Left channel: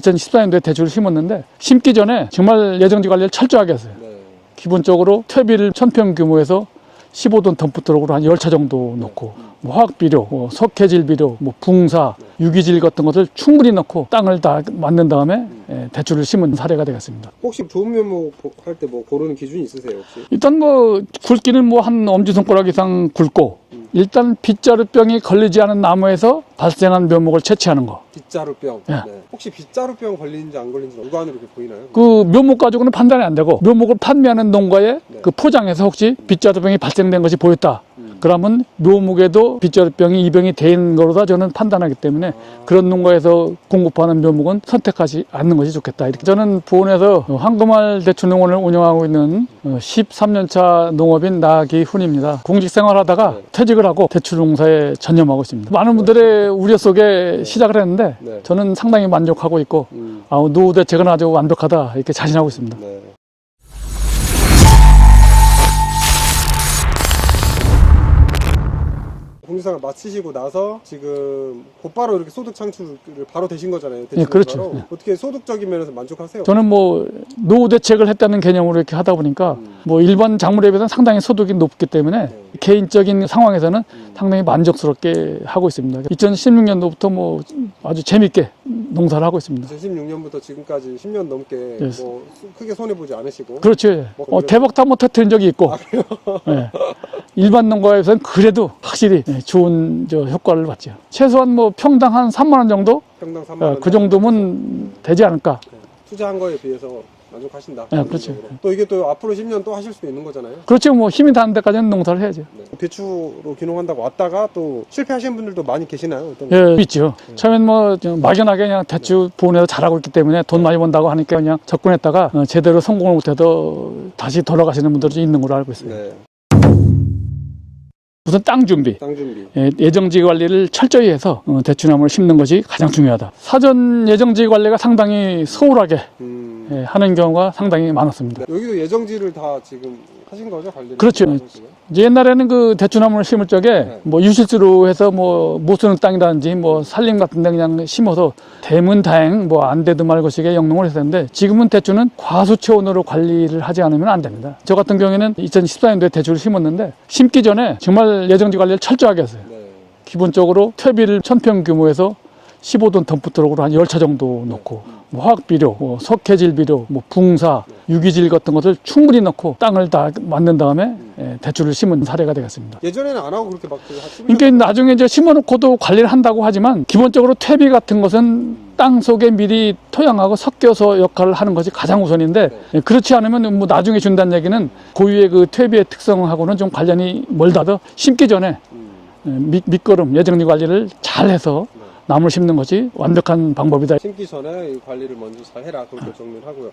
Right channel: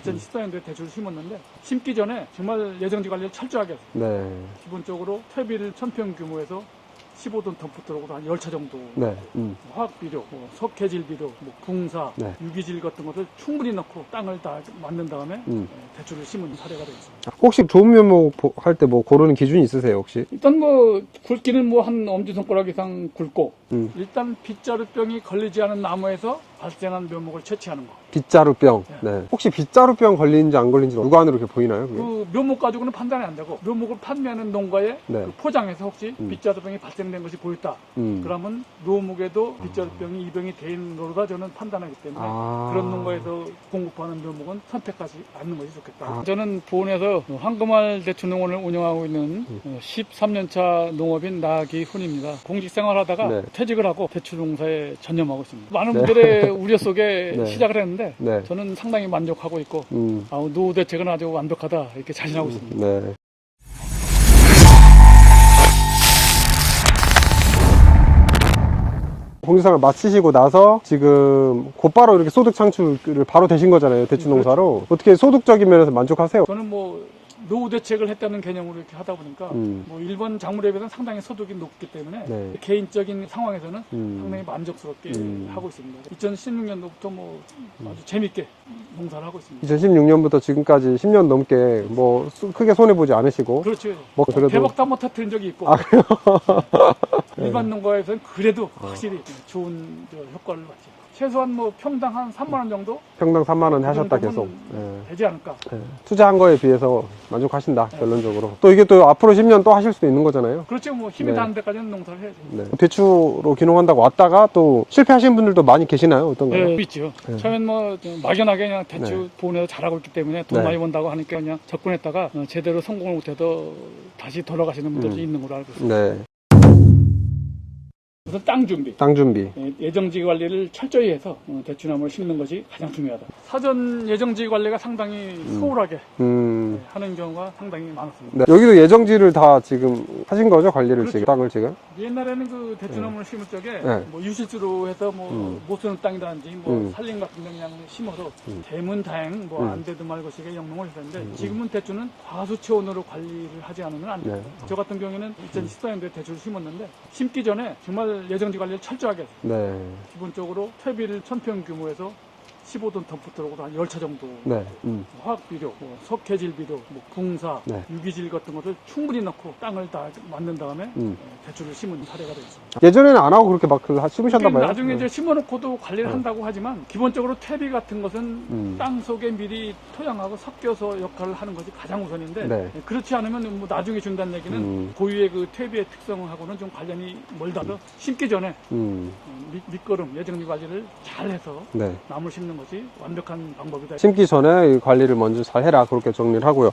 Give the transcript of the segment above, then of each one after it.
2014년도에 대추를 심었는데 심기 전에 정말 예정지 관리를 철저하게 했어요. 네. 기본적으로 퇴비를 1000평 규모에서 15톤 덤프트럭으로 한 10차 정도 네. 넣고 뭐 화학비료, 석회질 비료, 뭐 붕사, 네. 유기질 같은 것을 충분히 넣고 땅을 다 만든 다음에 대추를 심은 사례가 되겠습니다. 혹시 좋은 묘목 할 때 뭐 고르는 기준이 있으세요 혹시? 일단 뭐 굵기는 뭐 한 엄지손가락 이상 굵고 일단 빗자루병이 걸리지 않은 나무에서 발생한 묘목을 채취하는 거. 빗자루병. 예. 네. 혹시 빗자루병 걸리는지 안 걸리는지 육안으로 이렇게 보이나요? 그 묘목 가지고는 판단이 안 되고 묘목을 판매하는 농가에 네. 그 포장에서 혹시 빗자루병이 발생된 것이 보였다. 그러면 묘목에도 빗자루병이 입양이 된 거로다 저는 판단하기 때문에 그런 농가에서 공급하는 묘목은 선택하지 않는 것이 좋겠다. 이렇게 저는 부원에서 황금알 대추농원을 운영하고 있는 13년차 농업인 나기훈입니다. 공직생활 하다가 네. 퇴직을 하고 대추농사에 전념하고 있습니다. 많은 분들의 우려 속에 네. 시작을 했는데 네. 저는 상당히 만족하고 있고 노후 대책은 아주 완벽하다 이렇게 자신하고 있습니다. 네. 공직생활 마치시고 나서 지금 곧바로 이렇게 소득 창출을 바로 되신 거잖아요. 대추 네, 그렇죠. 농사로. 어떻게 소득적인 면에서 만족하세요? 저는 뭐 노후 대책을 했다는 개념으로 이렇게 하다 보니까 뭐 일반 작물에 비해서는 상당히 소득이 높기 때문에 네. 개인적인 상황에서는 상당히 만족스럽게 하고 있습니다. 2016년도부터 뭐 아주 재밌게 농사를 하고 있습니다. 2016년부터 지금까지 10년 넘게 뭐 크게 손해보지 않으시고. 그렇죠. 뭐 그래도- 대박도 한번 터뜨린 적이 있고 네. 일반 농가에서는 그래도 확실히 좋은 효과를 봤죠. 최소한 뭐 평당 한 3만 원 정도 평당 3만 원 그 정도면 되지 않을까. 투자한 거에 비해서 만족하신다, 네, 결론적으로. 그렇죠. 또 이게 또 앞으로 10년 또 하실 수도 있는 거잖아요. 그렇죠. 뭐 힘이 네. 닿는 데까지는 농사를 해야지. 네. 대추로 귀농한다고 왔다가 또 실패하시는 분들도 많이 계시나요? 어떤가요? 예, 있죠. 처음엔 뭐 막연하게 그냥 대추 보내서 잘하고 있기 때문에 돈 네. 많이 번다고 하니까 그냥 접근했다가 제대로 성공을 못해도 다시 돌아가시는 분들이 있는 걸로 알고 있습니다. 네. 우선 땅 준비. 땅 준비. 예정지 관리를 철저히 해서 대추나무를 심는 것이 가장 중요하다. 사전 예정지 관리가 상당히 소홀하게 하는 경우가 상당히 많았습니다. 네. 여기도 예정지를 다 지금 하신 거죠? 관리를? 그렇죠. 지금? 지금? 이제 옛날에는 그 대추나무를 심을 적에 네. 뭐 유실수로 해서 뭐 못 쓰는 땅이라든지 뭐 산림 같은 데 그냥 심어서 대문다행 뭐 안 돼도 말고식의 영농을 했었는데 지금은 대추는 과수체온으로 관리를 하지 않으면 안 됩니다. 저 같은 경우에는 2014년도에 대추를 심었는데 심기 전에 정말 예정지 관리를 철저하게 했어요. 네. 기본적으로 퇴비를 1000평 규모에서 15톤 덤프트럭으로 한 10차 정도 네. 넣고 뭐 화학비료, 뭐 석회질 비료, 뭐 붕사, 유기질 같은 것을 충분히 넣고 땅을 다 만든 다음에 대추를 심은 사례가 되겠습니다. 예전에는 안 하고 그렇게 막 심으셨단 그러니까 말이에요? 나중에 이제 심어놓고도 관리를 한다고 하지만 기본적으로 퇴비 같은 것은 땅 속에 미리 토양하고 섞여서 역할을 하는 것이 가장 우선인데 네. 그렇지 않으면 뭐 나중에 준다는 얘기는 고유의 그 퇴비의 특성하고는 좀 관련이 멀다더 심기 전에 밑거름 예정지 관리를 잘 해서 네. 나무를 심는 것이 완벽한 방법이다. 심기 전에 이 관리를 먼저 잘 해라. 그렇게 정리를 하고요.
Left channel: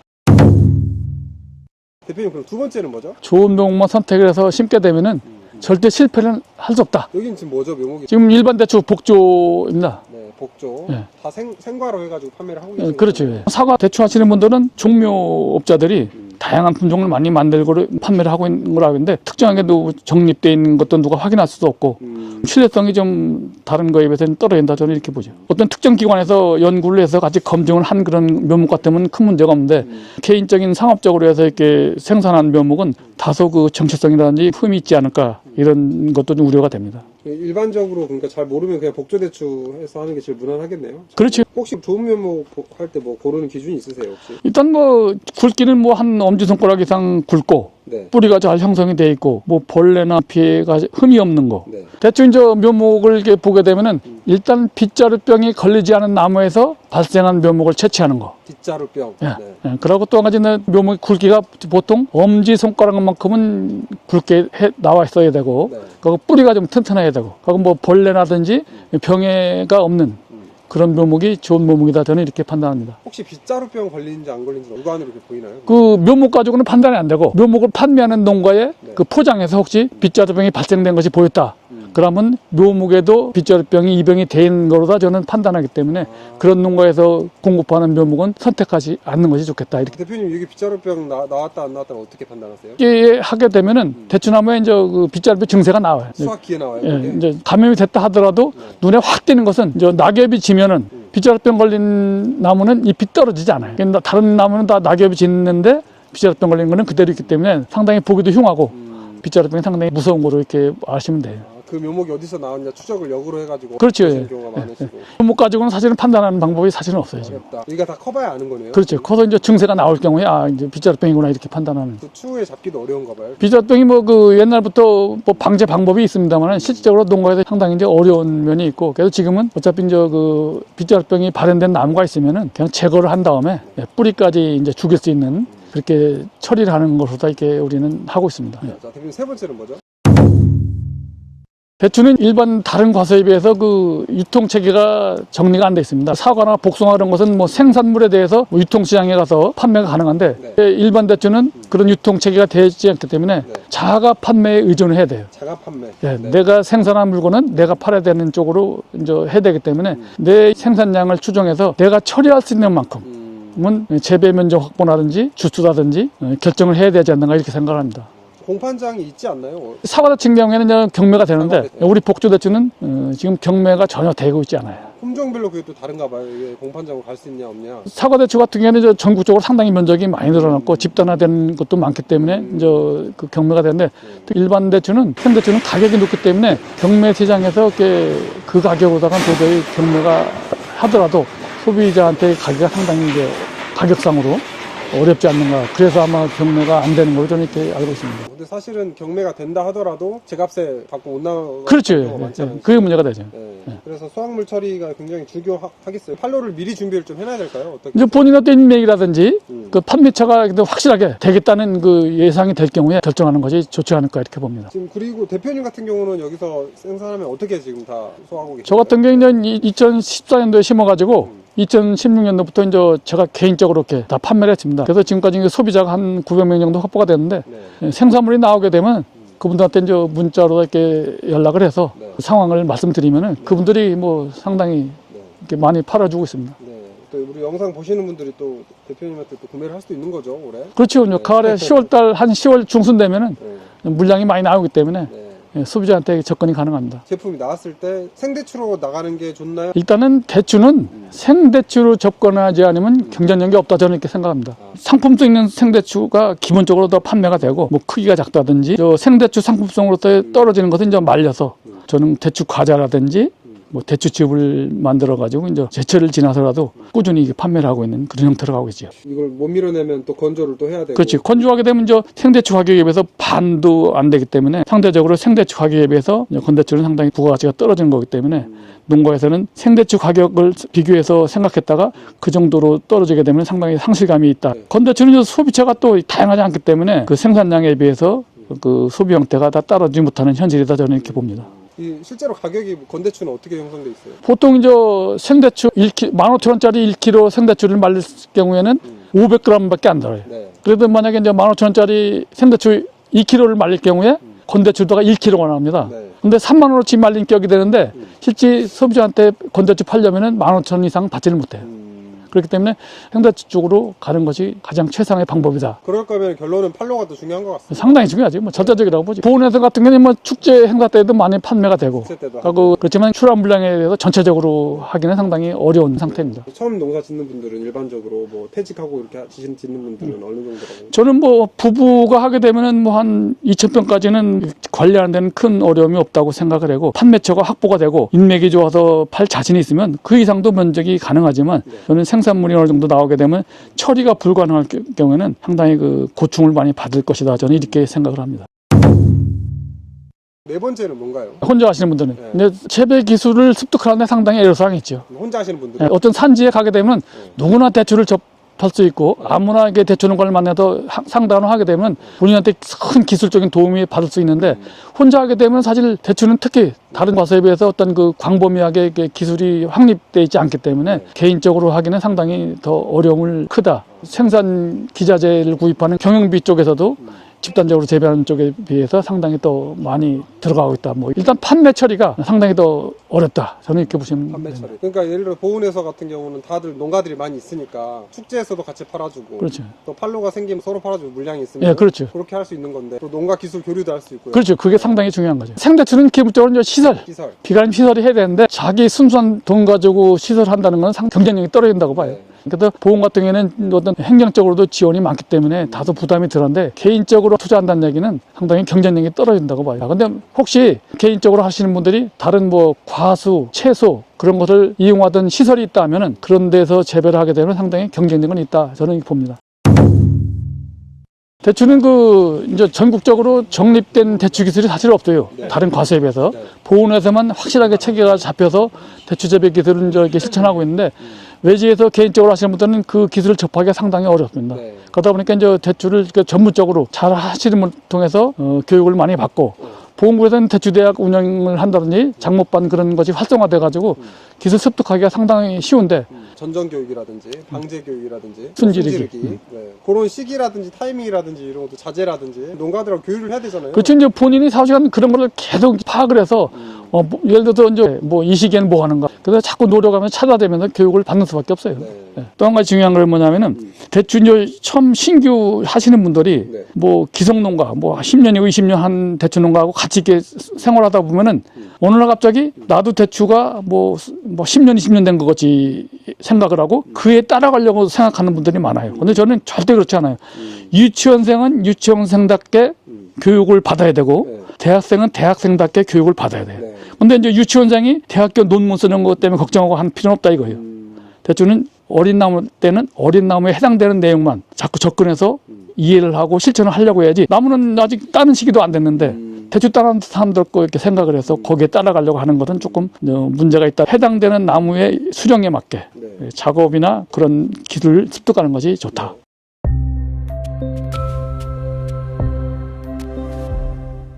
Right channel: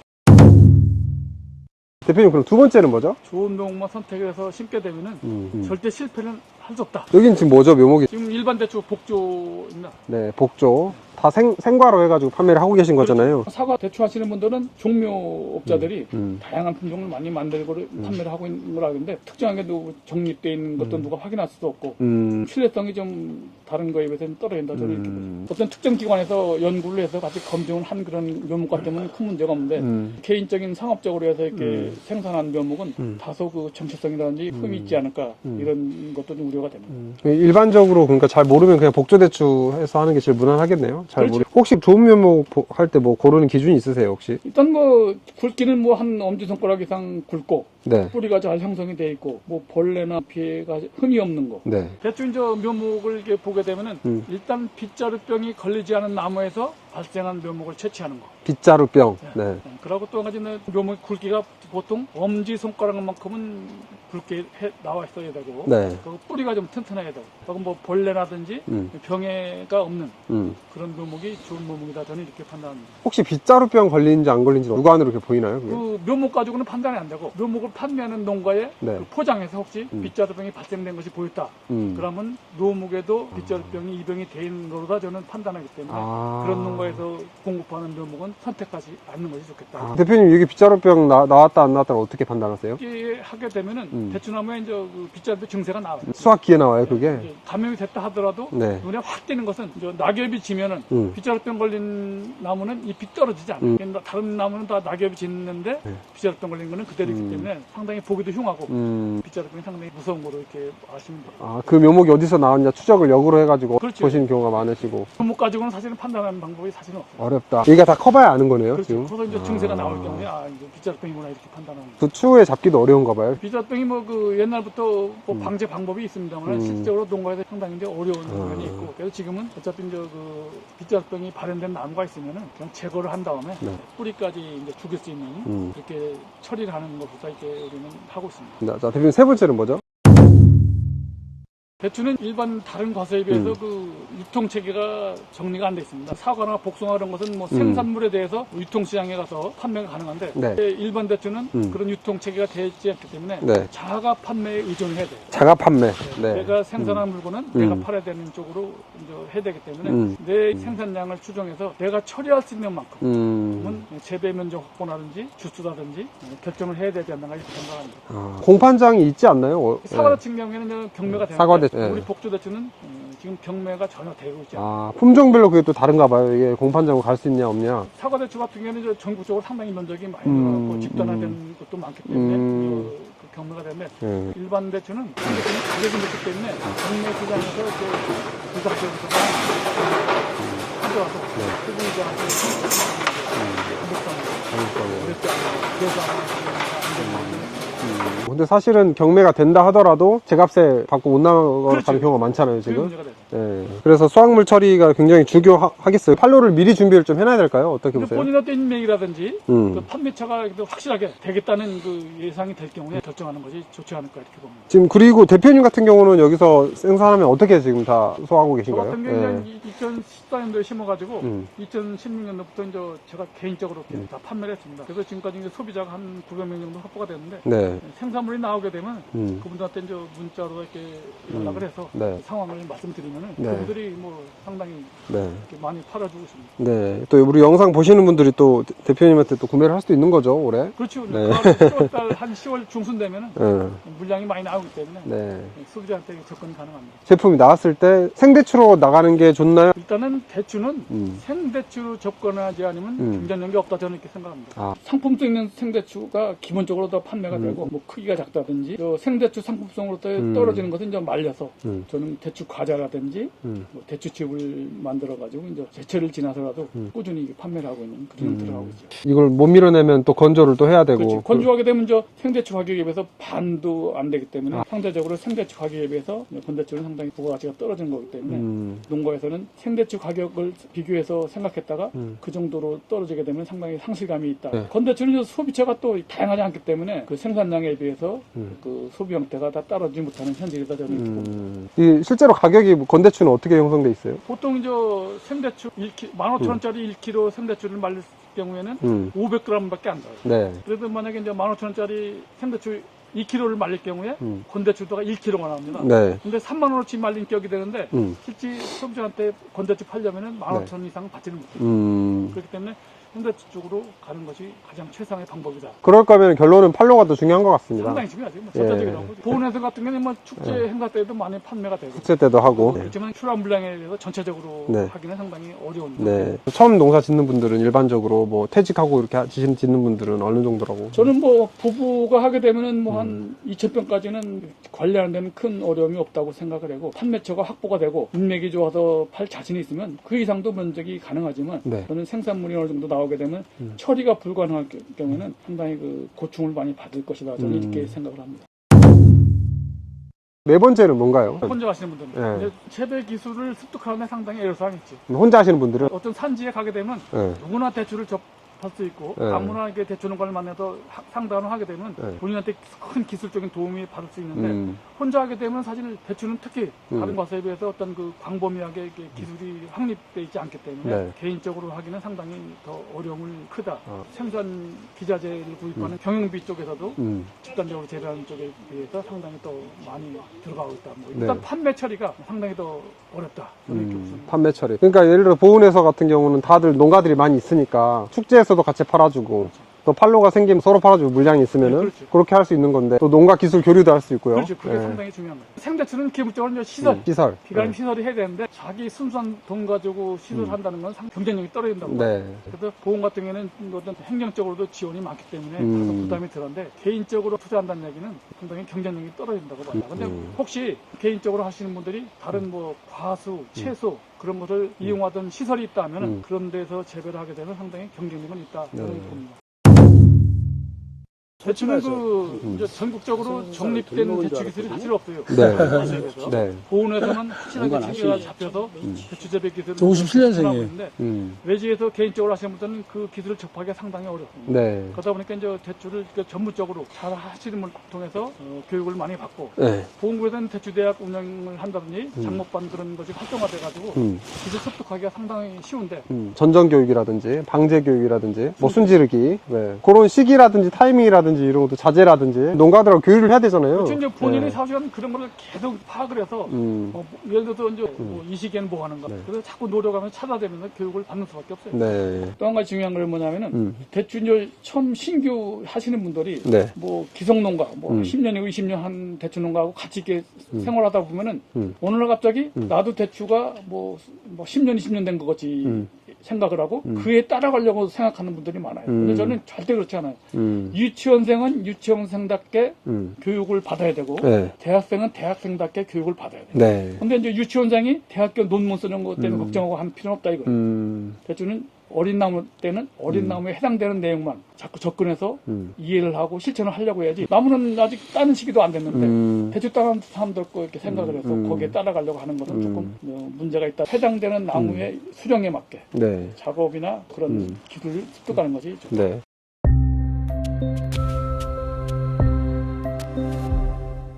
대표님, 그럼 두 번째는 뭐죠? 좋은 묘목만 선택을 해서 심게 되면은 절대 실패는 할 수 없다. 여긴 지금 뭐죠? 묘목이? 지금 일반 대추 복조입니다. 네, 복조. 네. 다 생과로 해가지고 판매를 하고 계신 그렇죠. 거잖아요. 사과 대추 하시는 분들은 종묘업자들이 다양한 품종을 많이 만들고 판매를 하고 있는 거라 하는데 특정하게도 정립되어 있는 것도 누가 확인할 수도 없고 신뢰성이 좀 다른 거에 비해서는 떨어진다 저는 이렇게 보죠. 어떤 특정 기관에서 연구를 해서 같이 검증을 한 그런 묘목 같으면 큰 문제가 없는데 개인적인 상업적으로 해서 이렇게 생산한 묘목은 다소 그 정체성이라든지 흠이 있지 않을까 이런 것도 좀 우려가 됩니다. 일반적으로 그러니까 잘 모르면 그냥 복조 대추 해서 하는 게 제일 무난하겠네요. 그렇지. 혹시 좋은 묘목 할 때 뭐 고르는 기준이 있으세요 혹시? 일단 뭐 굵기는 뭐 한 엄지손가락 이상 굵고 네. 뿌리가 잘 형성이 돼 있고 뭐 벌레나 피해가 흠이 없는 거. 네. 대충 이제 묘목을 이렇게 보게 되면은 일단 빗자루병이 걸리지 않은 나무에서 발생한 묘목을 채취하는 거. 빗자루병. 예. 네. 예. 그리고 또 한 가지는 묘목 굵기가 보통 엄지 손가락만큼은 굵게 나와 있어야 되고, 네. 그리고 뿌리가 좀 튼튼해야 되고, 그리고 뭐 벌레라든지 병해가 없는 그런 묘목이 좋은 묘목이다 저는 이렇게 판단합니다. 혹시 빗자루병 걸리는지 안 걸리는지 육안으로 이렇게 보이나요? 그 묘목 가지고는 판단이 안 되고 묘목을 판매하는 농가에 네. 그 포장에서 혹시 빗자루병이 발생된 것이 보였다. 그러면 묘목에도 빗자루병이 입영이 된 거로다 저는 판단하기 때문에 그런 농가에서 공급하는 묘목은 선택하지 않는 것이 좋겠다. 이렇게 대표님 여기 빗자루병 나왔다 안 나왔다는 어떻게 판단하세요? 이렇게 하게 되면은 대추나무에 이제 그 빗자루병 증세가 나와요. 수확기에 나와요 예, 그게? 이제 감염이 됐다 하더라도 네. 눈에 확 띄는 것은 이제 낙엽이 지면은 빗자루병 걸린 나무는 잎이 떨어지지 않아요. 그러니까 다른 나무는 다 낙엽이 짓는데 빗자루병 걸린 거는 그대로 있기 때문에 상당히 보기도 흉하고 빗자루병이 상당히 무서운 거로 이렇게 아시면 돼요. 그 묘목이 어디서 나왔냐 추적을 역으로 해가지고 그렇죠. 보시는 예. 경우가 많으시고 묘목 가지고는 사실은 판단하는 방법이 사실은 없어요. 어렵다. 얘가 다 커봐야 아는 거네요. 그렇죠. 지금? 커서 이제 증세가 나올 경우에 이제 빗자루병이구나 이렇게 판단하는. 그 추후에 잡기도 어려운가 봐요. 빗자루병이 뭐 그 옛날부터 뭐 방제 방법이 있습니다만 실질적으로 농가에서 상당히 이제 어려운 면이 있고 그래서 지금은 어차피 이제 그 빗자루병이 발현된 나무가 있으면은 그냥 제거를 한 다음에 뿌리까지 이제 죽일 수 있는 그렇게 처리를 하는 것으로 이렇게 우리는 하고 있습니다. 자, 대표님 세 번째는 뭐죠? 대추는 일반 다른 과수에 비해서 그 유통 체계가 정리가 안 돼 있습니다. 사과나 복숭아 이런 것은 뭐 생산물에 대해서 뭐 유통 시장에 가서 판매가 가능한데 네. 일반 대추는 그런 유통 체계가 되지 않기 때문에 네. 자가 판매에 의존을 해야 돼요. 자가 판매. 예, 네. 내가 생산한 물건은 내가 팔아야 되는 쪽으로 이제 해야 되기 때문에 내 생산량을 추정해서 내가 처리할 수 있는 만큼은 재배 면적 확보라든지 주수라든지 결정을 해야 되지 않는가 이렇게 생각합니다. 공판장이 있지 않나요? 사과 같은 경우에는 이제 경매가 되는데 사과 대추. 우리 복주 대추는 지금 경매가 전혀 되고 있지 않아요. 품종별로 그게 또 다른가 봐요. 이게 공판장으로 갈 수 있냐 없냐. 사과 대추 같은 경우에는 이제 전국적으로 상당히 면적이 많이 늘어났고 집단화된 것도 많기 때문에 이제 그 경매가 되는데 또 일반 대추는 생대추는 가격이 높기 때문에 경매 시장에서 이렇게 그 가격으로다가 도저히 경매가 하더라도 소비자한테 가격이 상당히 이제 가격상으로 어렵지 않는가. 그래서 아마 경매가 안 되는 걸로 저는 이렇게 알고 있습니다. 근데 사실은 경매가 된다 하더라도 제값에 받고 못 나가는 그렇죠. 경우가 많잖아요. 그게 지금. 문제가 되죠. 네. 그래서 수확물 처리가 굉장히 중요하겠어요. 판로를 미리 준비를 좀 해놔야 될까요? 어떻게 이제 보세요? 본인한테 인맥이라든지 그 판매처가 확실하게 되겠다는 그 예상이 될 경우에 결정하는 것이 좋지 않을까 이렇게 봅니다. 지금 그리고 대표님 같은 경우는 여기서 생산하면 어떻게 지금 다 소화하고 계신가요? 저 같은 경우는 2014년도에 심어가지고 2016년도부터 이제 제가 개인적으로 이렇게 다 판매를 했습니다. 그래서 지금까지 이제 소비자가 한 900명 정도 확보가 됐는데 네. 생산물이 나오게 되면 그분들한테 이제 문자로 이렇게 연락을 해서 네. 그 상황을 말씀드리면은 그분들이 뭐 상당히 네. 이렇게 많이 팔아주고 있습니다. 네. 또 우리 영상 보시는 분들이 또 대표님한테 또 구매를 할 수도 있는 거죠, 올해? 그렇죠. 네. 가을에 10월달 한 10월 중순 되면은 네. 물량이 많이 나오기 때문에 네. 소비자한테 접근이 가능합니다. 제품이 나왔을 때 생대추로 나가는 게 좋나요? 일단은 대추는 생대추로 접근하지 않으면 경쟁력이 없다 저는 이렇게 생각합니다. 상품성 있는 생대추가 기본적으로 더 판매가 되고 뭐 크기가 작다든지 저 생대추 상품성으로서 떨어지는 것은 이제 말려서 저는 대추 과자라든지 뭐 대추즙을 만들어 가지고 이제 제철을 지나서라도 꾸준히 이게 판매를 하고 있는 그런 형태로 가고 있죠. 이걸 못 밀어내면 또 건조를 또 해야 되고. 그렇지. 건조하게 되면 저 생대추 가격에 비해서 반도 안 되기 때문에 상대적으로 생대추 가격에 비해서 건대추는 상당히 부가가치가 떨어지는 거기 때문에 농가에서는 생대추 가격을 비교해서 생각했다가 그 정도로 떨어지게 되면 상당히 상실감이 있다. 건대추는 소비자가 또 다양하지 않기 때문에 그 생산량에 비해서 그 소비 형태가 다 따라주지 못하는 현실이다 저는 이렇게 봅니다. 이 실제로 가격이 건대추는 어떻게 형성돼 있어요? 보통 이제 생대추 15,000원짜리 1kg 생대추를 말릴 경우에는 500g밖에 안 들어요. 네. 그래도 만약에 이제 15,000원짜리 생대추 2kg를 말릴 경우에 건대추도가 1kg가 나옵니다. 네. 근데 3만 원어치 말린 격이 되는데 실제 소비자한테 건대추 팔려면은 15,000원 이상 받지를 못해요. 그렇기 때문에 생대추 쪽으로 가는 것이 가장 최상의 방법이다. 그럴 거면 결론은 판로가 더 중요한 것 같습니다. 상당히 중요하지. 뭐 절대적이라고 보지. 보훈회사 같은 경우는 뭐 축제 행사 때도 많이 판매가 되고. 축제 때도 하고. 그렇지만 출하 물량에 대해서 전체적으로 네. 하기는 상당히 어려운 상태입니다. 처음 농사 짓는 분들은 일반적으로 뭐 퇴직하고 이렇게 짓는 분들은 어느 정도라고? 저는 뭐 부부가 하게 되면은 뭐 한 2,000평까지는 관리하는 데는 큰 어려움이 없다고 생각을 하고 판매처가 확보가 되고 인맥이 좋아서 팔 자신이 있으면 그 이상도 면적이 가능하지만 저는 생산물이 어느 정도 나오게 되면 처리가 불가능할 경우에는 상당히 그 고충을 많이 받을 것이다. 저는 이렇게 생각을 합니다. 네 번째는 뭔가요? 혼자 하시는 분들은 근데 재배 기술을 습득하는데 상당히 애로사항이 있죠. 혼자 하시는 분들이? 어떤 산지에 가게 되면 누구나 대추를 접할 수 있고 아무나 이게 대추 농가를 만나도 상담을 하게 되면 본인한테 큰 기술적인 도움이 받을 수 있는데 혼자 하게 되면 사실 대추는 특히 다른 과수에 비해서 어떤 그 광범위하게 이렇게 기술이 확립되어 있지 않기 때문에 개인적으로 하기는 상당히 더 어려움을 크다 생산 기자재를 구입하는 경영비 쪽에서도 집단적으로 재배하는 쪽에 비해서 상당히 더 많이 들어가고 있다. 뭐 일단 판매 처리가 상당히 더 어렵다. 저는 이렇게 보시면 판매 처리. 그러니까 예를 들어 보은에서 같은 경우는 다들 농가들이 많이 있으니까 축제에서도 같이 팔아주고 그렇죠. 또 판로가 생기면 서로 팔아주고 물량이 있으면 네, 그렇죠. 그렇게 할 수 있는 건데 또 농가 기술 교류도 할 수 있고요. 그렇죠. 그게 네. 상당히 중요한 거죠. 생대추는 기본적으로 이제 시설, 시설. 비가림 시설이 해야 되는데 자기 순수한 돈 가지고 시설한다는 건 경쟁력이 떨어진다고 봐요. 네. 그래서 보험 같은 경우에는 어떤 행정적으로도 지원이 많기 때문에 다소 부담이 덜한데 개인적으로 투자한다는 얘기는 상당히 경쟁력이 떨어진다고 봐요. 근데 혹시 개인적으로 하시는 분들이 다른 뭐 과수, 채소 그런 것을 이용하던 시설이 있다면은 그런 데서 재배를 하게 되면 상당히 경쟁력은 있다. 저는 봅니다. 대추는 이제 전국적으로 정립된 대추 기술이 사실 없어요. 네. 다른 과수에 비해서. 네. 보온에서만 확실하게 체계가 잡혀서 대추 재배 기술을 이렇게 실천하고 있는데 외지에서 개인적으로 하시는 분들은 그 기술을 접하기가 상당히 어렵습니다. 네. 그러다 보니까 이제 대추를 이렇게 전문적으로 잘 하시는 분을 통해서 교육을 많이 받고 네. 보건부에서는 대추대학 운영을 한다든지 장목반 그런 것이 활성화돼 가지고 기술 습득하기가 상당히 쉬운데 전정 교육이라든지 방제 교육이라든지 뭐 순지르기. 순지르기 네. 그런 시기라든지 타이밍이라든지 이런 것도 자제라든지 농가들하고 교류를 해야 되잖아요. 그렇죠. 이제 본인이 네. 사실은 그런 거를 계속 파악을 해서 예를 들어서 이제 뭐 이 시기에는 뭐 하는가. 그래서 자꾸 노력하면서 찾아대면서 교육을 받는 수밖에 없어요. 네. 또 한 가지 중요한 건 뭐냐면은 대추 이제 처음 신규 하시는 분들이 네. 뭐 기성농가 뭐 10년이고 20년 한 대추 농가하고 같이 이렇게 생활하다 보면은 어느 날 갑자기 나도 대추가 뭐 10년 20년 된 것 같이 생각을 하고 그에 따라가려고 생각하는 분들이 많아요. 근데 저는 절대 그렇지 않아요. 유치원생은 유치원생답게 교육을 받아야 되고 네. 대학생은 대학생답게 교육을 받아야 돼요. 네. 근데 이제 유치원생이 대학교 논문 쓰는 것 때문에 걱정하고 한 필요는 없다 이거예요. 대추는 어린 나무 때는 어린 나무에 해당되는 내용만 자꾸 접근해서 이해를 하고 실천을 하려고 해야지 나무는 아직 따는 시기도 안 됐는데 대추 따는 사람들 거 이렇게 생각을 해서 거기에 따라가려고 하는 것은 조금 문제가 있다. 해당되는 나무의 수령에 맞게 네. 작업이나 그런 기술을 습득하는 것이 좋다. 네.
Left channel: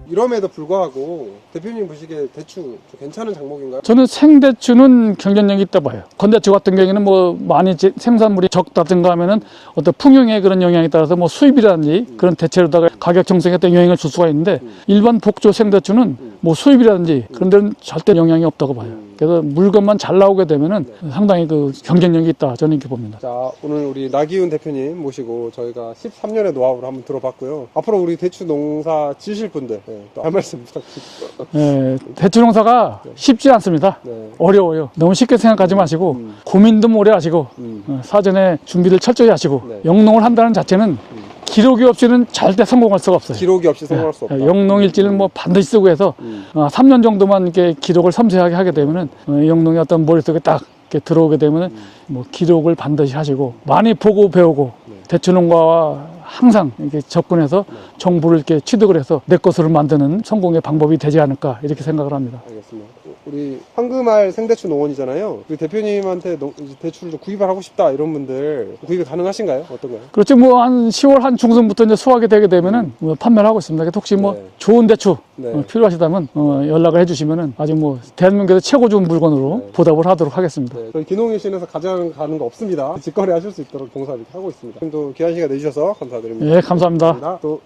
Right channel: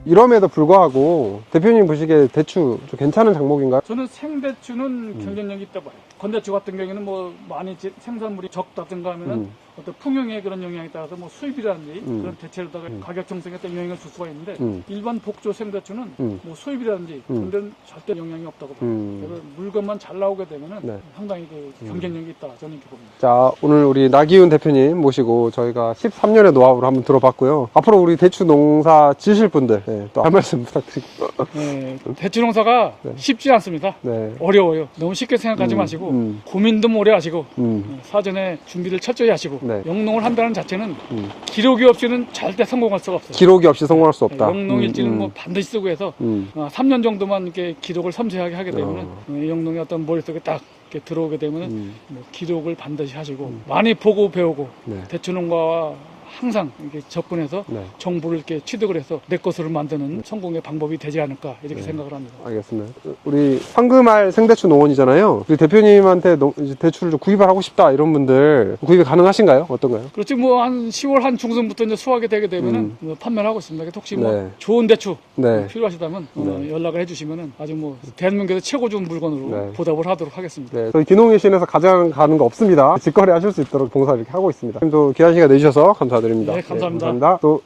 이럼에도 불구하고 대표님 보시기에 대추 좀 괜찮은 장목인가요? 저는 생대추는 경쟁력이 있다 봐요. 건대추 같은 경우에는 뭐 많이 생산물이 적다든가 하면은 어떤 풍용의 그런 영향에 따라서 뭐 수입이라든지 그런 대체로다가 가격 정상에 어떤 영향을 줄 수가 있는데 일반 복조 생대추는 뭐 수입이라든지 그런 데는 절대 영향이 없다고 봐요. 그래서 물건만 잘 나오게 되면은 상당히 그 경쟁력이 있다. 저는 이렇게 봅니다. 자, 오늘 우리 나기훈 대표님 모시고 저희가 13년의 노하우를 한번 들어봤고요. 앞으로 우리 대추 농사 지으실 분들 또 한 말씀 부탁드립니다. 네, 대추 농사가 쉽지 않습니다. 네. 어려워요. 너무 쉽게 생각하지 마시고 고민도 오래 하시고 사전에 준비를 철저히 하시고 네. 영농을 한다는 자체는 기록이 없이는 절대 성공할 수가 없어요. 기록이 없이 성공할 수 없다. 영농일지를 뭐 반드시 쓰고 해서 3년 정도만 이렇게 기록을 섬세하게 하게 되면은 영농이 어떤 머릿속에 딱 이렇게 들어오게 되면은 뭐 기록을 반드시 하시고 많이 보고 배우고 대추 농가와 항상 이렇게 접근해서 정보를 이렇게 취득을 해서 내 것으로 만드는 성공의 방법이 되지 않을까 이렇게 생각을 합니다. 알겠습니다. 우리 황금알 생대추 농원이잖아요. 우리 대표님한테 이제 대추를 좀 구입을 하고 싶다 이런 분들 구입이 가능하신가요? 어떤가요? 그렇죠. 뭐 한 10월 한 중순부터 이제 수확이 되게 되면은 뭐 판매를 하고 있습니다. 그래서 혹시 뭐 네. 좋은 대추 네. 필요하시다면 연락을 해주시면은 아주 뭐 대한민국에서 최고 좋은 물건으로 네. 보답을 하도록 하겠습니다. 네, 저희 기농일신에서 가장 가는 거 없습니다. 직거래 하실 수 있도록 봉사 이렇게 하고 있습니다. 또 귀한 시간 내주셔서 감사드립니다. 네, 감사합니다. 또